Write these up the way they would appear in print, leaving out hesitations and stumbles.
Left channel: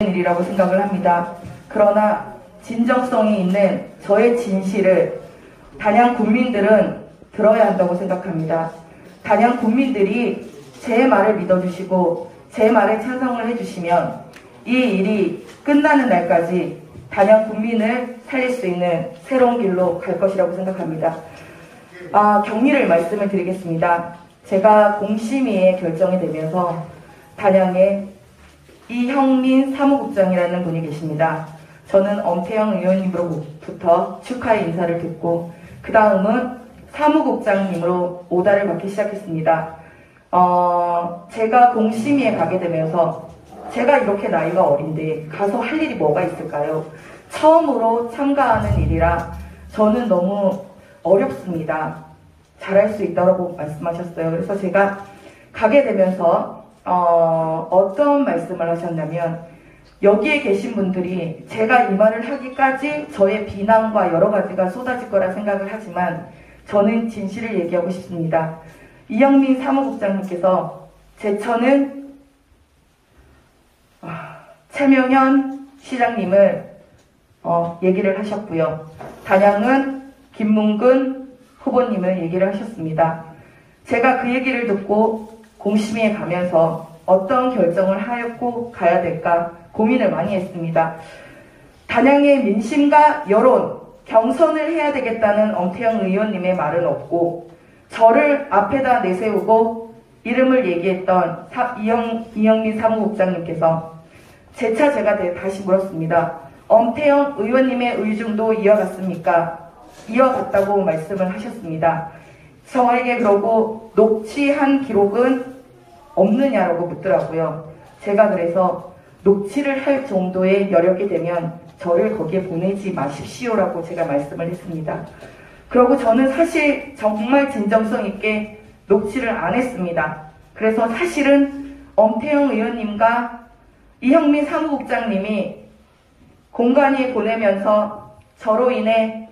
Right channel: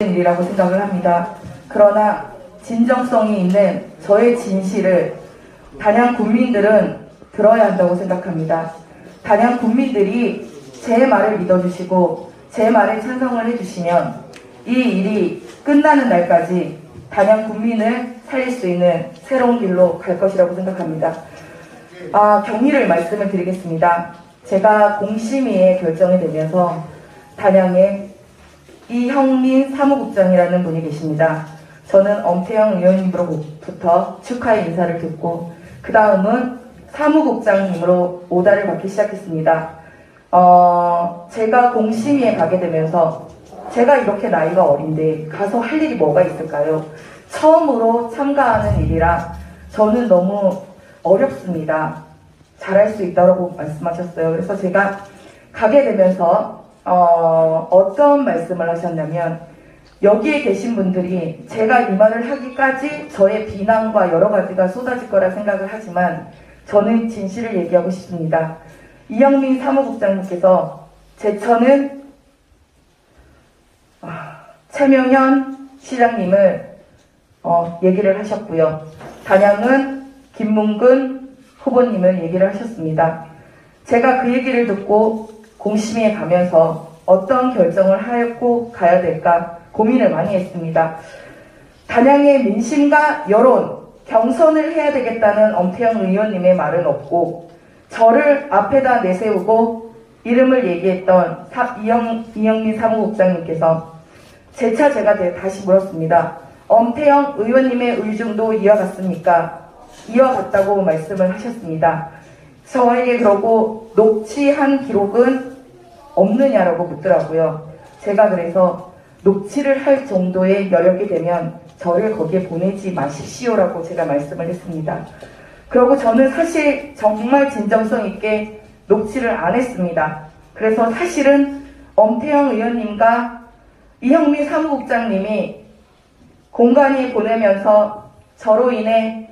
일이라고 생각을 합니다. 그러나 진정성이 있는 저의 진실을 단양 국민들은 들어야 한다고 생각합니다. 단양 국민들이 제 말을 믿어주시고 제 말에 찬성을 해주시면 이 일이 끝나는 날까지 단양 국민을 살릴 수 있는 새로운 길로 갈 것이라고 생각합니다. 경위를 말씀을 드리겠습니다. 제가 공심위에 결정이 되면서 단양에 이형민 사무국장이라는 분이 계십니다. 저는 엄태영 의원님으로부터 축하의 인사를 듣고 그 다음은 사무국장님으로 오다를 받기 시작했습니다. 제가 공심위에 가게 되면서 제가 이렇게 나이가 어린데 가서 할 일이 뭐가 있을까요? 처음으로 참가하는 일이라 저는 너무 어렵습니다. 잘할 수 있다고 말씀하셨어요. 그래서 제가 가게 되면서 어떤 말씀을 하셨냐면 여기에 계신 분들이 제가 이 말을 하기까지 저의 비난과 여러 가지가 쏟아질 거라 생각을 하지만 저는 진실을 얘기하고 싶습니다. 이형민 사무국장님께서 제천은 최명현 시장님을 얘기를 하셨고요. 단양은 김문근 후보님을 얘기를 하셨습니다. 제가 그 얘기를 듣고 공심위에 가면서 어떤 결정을 하고 가야 될까 고민을 많이 했습니다. 단양의 민심과 여론, 경선을 해야 되겠다는 엄태영 의원님의 말은 없고 저를 앞에다 내세우고 이름을 얘기했던 이형민 사무국장님께서 재차 제가 다시 물었습니다. 엄태영 의원님의 의중도 이어갔습니까? 이어갔다고 말씀을 하셨습니다. 저에게 그러고 녹취한 기록은 없느냐라고 묻더라고요. 제가 그래서 녹취를 할 정도의 여력이 되면 저를 거기에 보내지 마십시오라고 제가 말씀을 했습니다. 그리고 저는 사실 정말 진정성 있게 녹취를 안 했습니다. 그래서 사실은 엄태영 의원님과 이형민 사무국장님이 공관위에 보내면서 저로 인해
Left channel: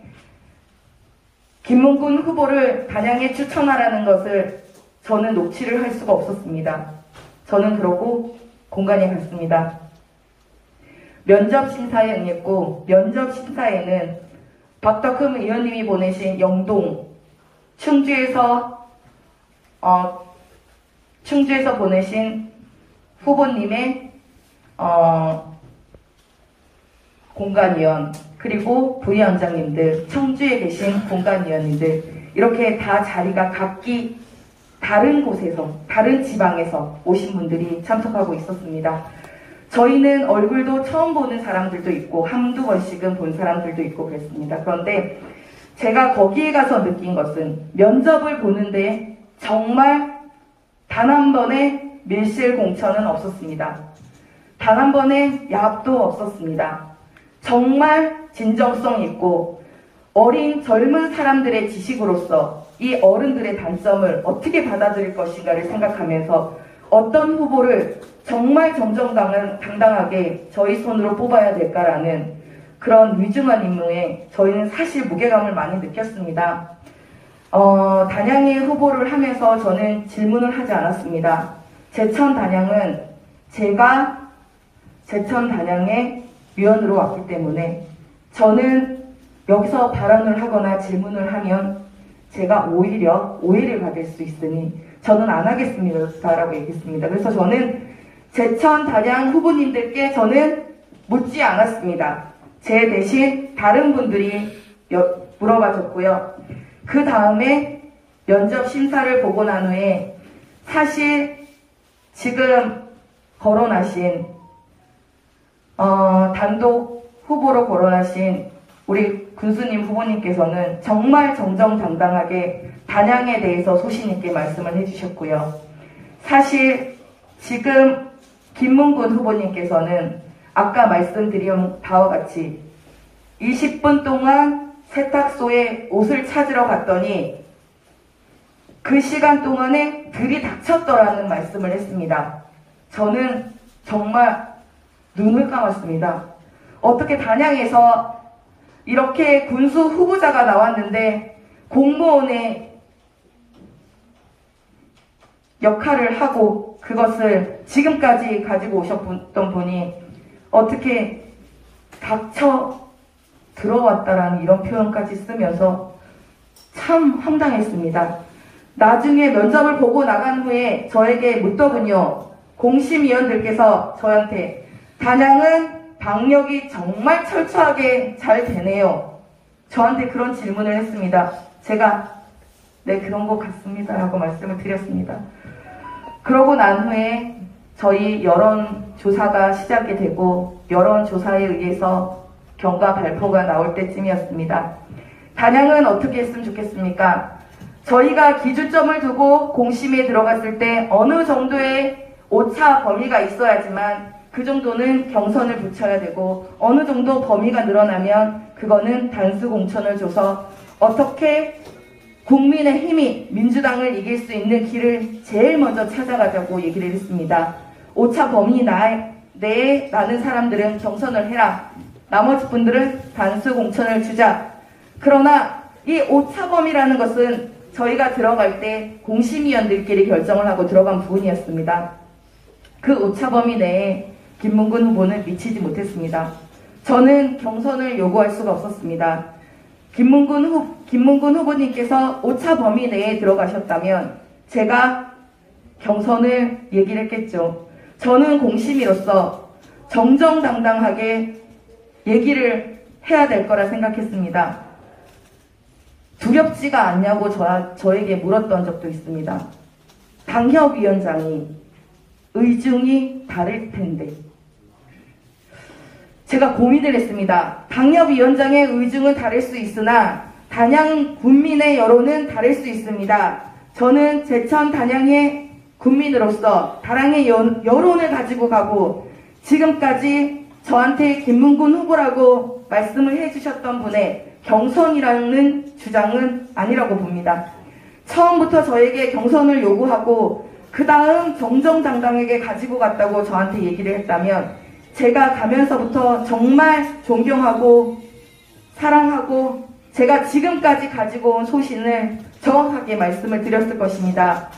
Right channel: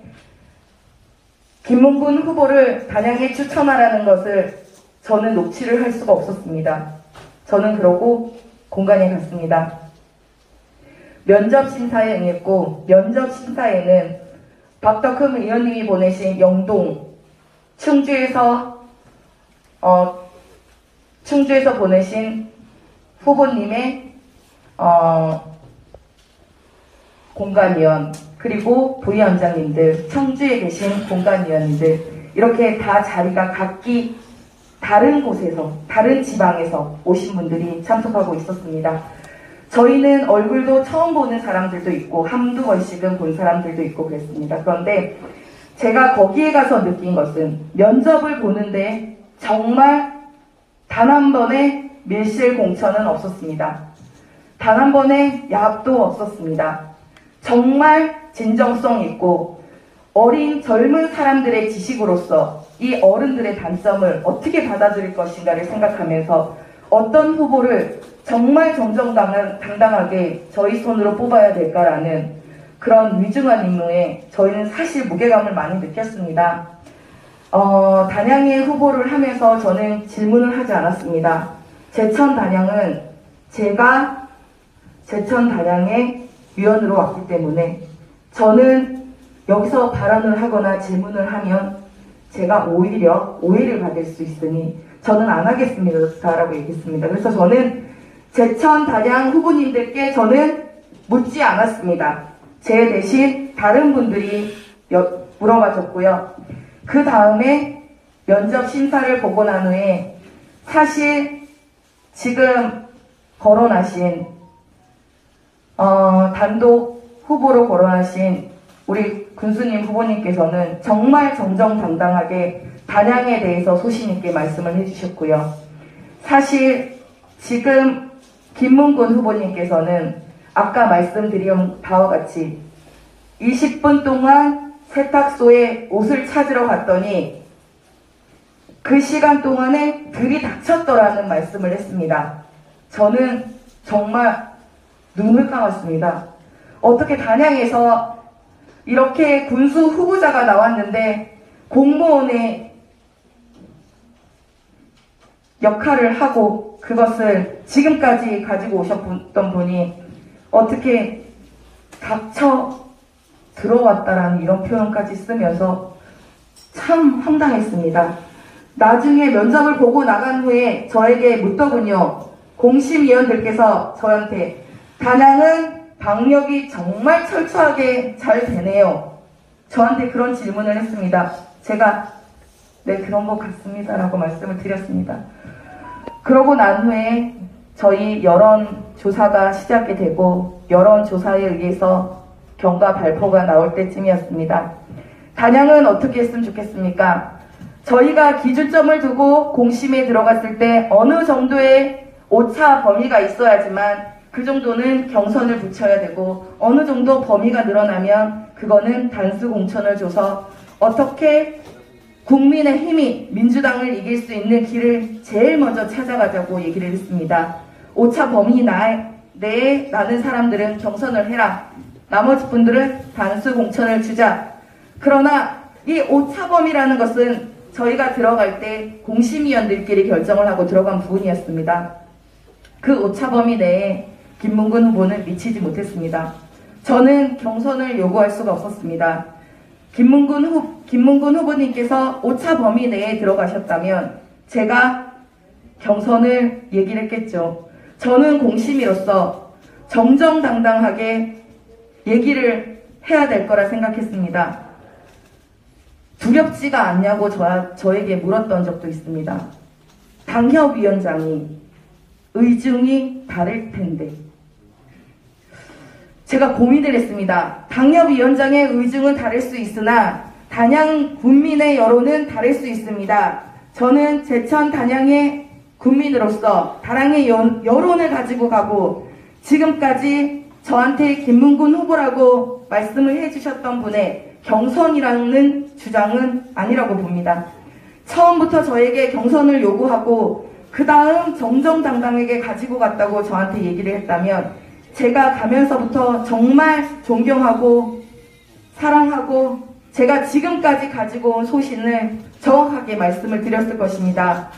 김문근 후보를 단양에 추천하라는 것을 저는 녹취를 할 수가 없었습니다. 저는 그러고 공관위에 갔습니다. 면접심사에 응했고 면접심사에는 박덕흠 의원님이 보내신 영동, 충주에서 보내신 후보님의 공관위원 그리고 부위원장님들, 청주에 계신 공관위원님들 이렇게 다 자리가 각기 다른 곳에서 다른 지방에서 오신 분들이 참석하고 있었습니다. 저희는 얼굴도 처음 보는 사람들도 있고 한두 번씩은 본 사람들도 있고 그랬습니다. 그런데 제가 거기에 가서 느낀 것은 면접을 보는데 정말 단 한 번의 밀실 공천은 없었습니다. 단 한 번의 야합도 없었습니다. 정말 진정성 있고 어린 젊은 사람들의 지식으로서 이 어른들의 단점을 어떻게 받아들일 것인가를 생각하면서 어떤 후보를 정말 정정당당하게 저희 손으로 뽑아야 될까라는 그런 위중한 임무에 저희는 사실 무게감을 많이 느꼈습니다. 단양의 후보를 하면서 저는 질문을 하지 않았습니다. 제천 단양은 제가 제천 단양의 위원으로 왔기 때문에 저는 여기서 발언을 하거나 질문을 하면 제가 오히려 오해를 받을 수 있으니 저는 안 하겠습니다라고 얘기했습니다. 그래서 저는 제천 단양 후보님들께 저는 묻지 않았습니다. 제 대신 다른 분들이 물어봐줬고요. 그 다음에 면접 심사를 보고 난 후에 사실 지금 거론하신 단독 후보로 거론하신 우리 군수님 후보님께서는 정말 정정당당하게 단양에 대해서 소신 있게 말씀을 해주셨고요. 사실 지금 김문근 후보님께서는 아까 말씀드린 바와 같이 20분 동안 세탁소에 옷을 찾으러 갔더니 그 시간 동안에 들이닥쳤더라는 말씀을 했습니다. 저는 정말 눈을 감았습니다. 어떻게 단양에서 이렇게 군수 후보자가 나왔는데 공무원의 역할을 하고 그것을 지금까지 가지고 오셨던 분이 어떻게 닥쳐 들어왔다라는 이런 표현까지 쓰면서 참 황당했습니다. 나중에 면접을 보고 나간 후에 저에게 묻더군요. 공심위원들께서 저한테 단양은 방역이 정말 철저하게 잘 되네요. 저한테 그런 질문을 했습니다. 제가 네 그런 것 같습니다 라고 말씀을 드렸습니다. 그러고 난 후에 저희 여론조사가 시작이 되고 여론조사에 의해서 경과 발표가 나올 때쯤이었습니다. 단양은 어떻게 했으면 좋겠습니까? 저희가 기준점을 두고 공심에 들어갔을 때 어느 정도의 오차 범위가 있어야지만 그 정도는 경선을 붙여야 되고 어느 정도 범위가 늘어나면 그거는 단수 공천을 줘서 어떻게 국민의 힘이 민주당을 이길 수 있는 길을 제일 먼저 찾아가자고 얘기를 했습니다. 오차 범위 내에 나는 사람들은 경선을 해라. 나머지 분들은 단수 공천을 주자. 그러나 이 오차 범위라는 것은 저희가 들어갈 때 공심위원들끼리 결정을 하고 들어간 부분이었습니다. 그 오차 범위 내에 김문근 후보는 미치지 못했습니다. 저는 경선을 요구할 수가 없었습니다. 김문근 후보님께서 오차 범위 내에 들어가셨다면 제가 경선을 얘기를 했겠죠. 저는 공심위로서 정정당당하게 얘기를 해야 될 거라 생각했습니다. 두렵지가 않냐고 저에게 물었던 적도 있습니다. 당협위원장이 의중이 다를 텐데 제가 고민을 했습니다. 당협위원장의 의중은 다를 수 있으나 단양 군민의 여론은 다를 수 있습니다. 저는 제천 단양의 군민으로서 단양의 여론을 가지고 가고 지금까지 저한테 김문근 후보라고 말씀을 해주셨던 분의 경선이라는 주장은 아니라고 봅니다. 처음부터 저에게 경선을 요구하고 그 다음 정정당당하게 가지고 갔다고 저한테 얘기를 했다면 제가 가면서부터 정말 존경하고 사랑하고 제가 지금까지 가지고 온 소신을 정확하게 말씀을 드렸을 것입니다.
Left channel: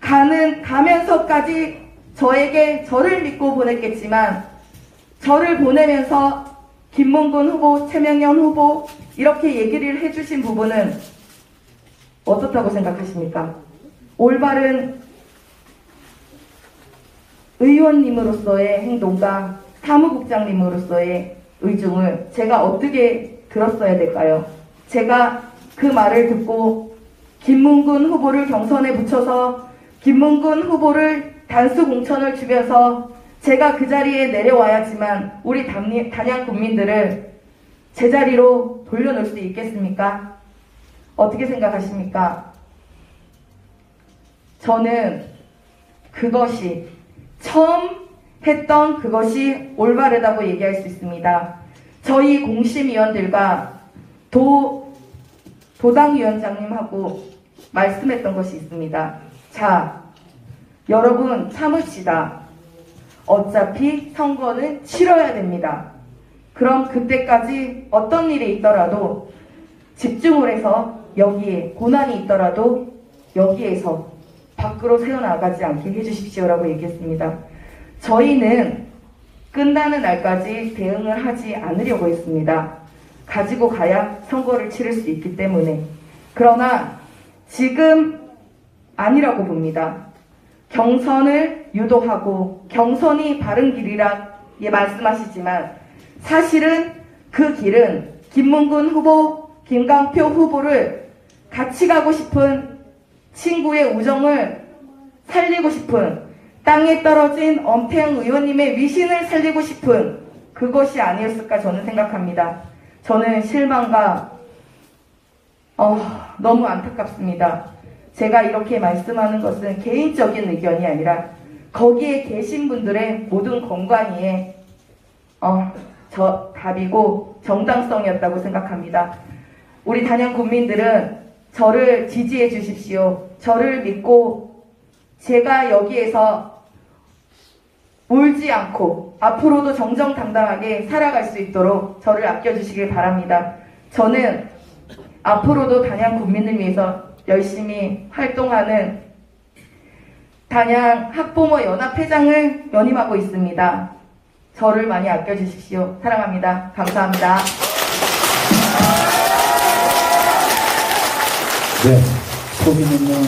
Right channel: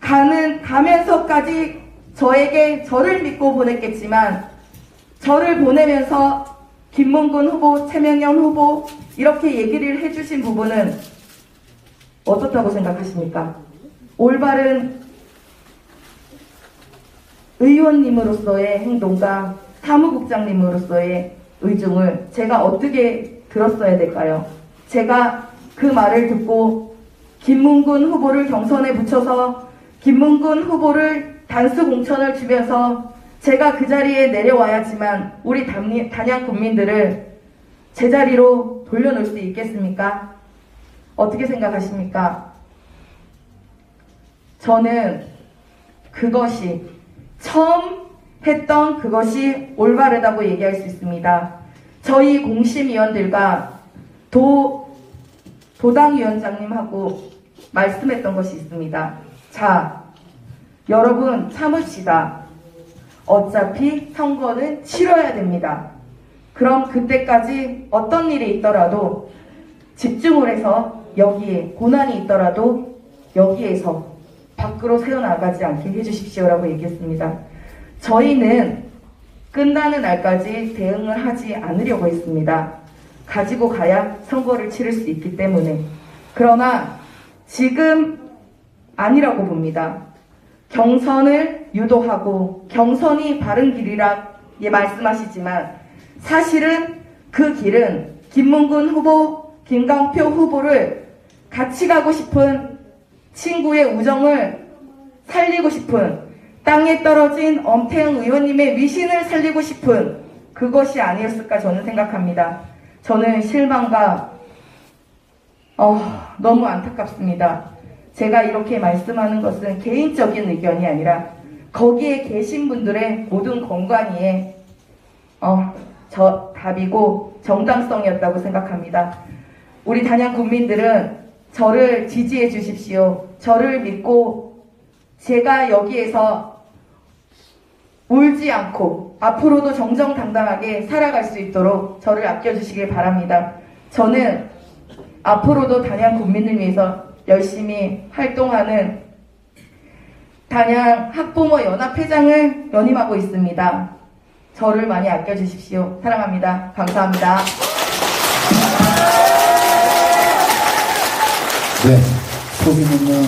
가면서까지 저를 믿고 보냈겠지만 저를 보내면서 김문근 후보, 최명현 후보 이렇게 얘기를 해주신 부분은 어떻다고 생각하십니까? 올바른 의원님으로서의 행동과 사무국장님으로서의 의중을 제가 어떻게 들었어야 될까요? 제가 그 말을 듣고 김문근 후보를 경선에 붙여서 김문근 후보를 단수 공천을 주면서 제가 그 자리에 내려와야지만 우리 단양 국민들을 제자리로 돌려놓을 수 있겠습니까? 어떻게 생각하십니까? 저는 그것이 처음 했던 그것이 올바르다고 얘기할 수 있습니다. 저희 공심위원들과 도당위원장님하고 말씀했던 것이 있습니다. 자, 여러분 참읍시다. 어차피 선거는 치러야 됩니다. 그럼 그때까지 어떤 일이 있더라도 집중을 해서 여기에 고난이 있더라도 여기에서 밖으로 새어나가지 않게 해주십시오라고 얘기했습니다. 저희는 끝나는 날까지 대응을 하지 않으려고 했습니다. 가지고 가야 선거를 치를 수 있기 때문에. 그러나 지금 아니라고 봅니다. 경선을 유도하고 경선이 바른 길이라 말씀하시지만 사실은 그 길은 김문근 후보, 김강표 후보를 같이 가고 싶은 친구의 우정을 살리고 싶은 땅에 떨어진 엄태웅 의원님의 위신을 살리고 싶은 그것이 아니었을까 저는 생각합니다. 저는 실망과 너무 안타깝습니다. 제가 이렇게 말씀하는 것은 개인적인 의견이 아니라 거기에 계신 분들의 모든 건강위에 답이고 정당성이었다고 생각합니다. 우리 단양 국민들은 저를 지지해 주십시오. 저를 믿고 제가 여기에서 울지 않고 앞으로도 정정당당하게 살아갈 수 있도록 저를 아껴주시길 바랍니다. 저는 앞으로도 단양 국민을 위해서 열심히 활동하는 단양 학부모 연합회장을 연임하고 있습니다. 저를 많이 아껴주십시오. 사랑합니다. 감사합니다. 네, 소신 있는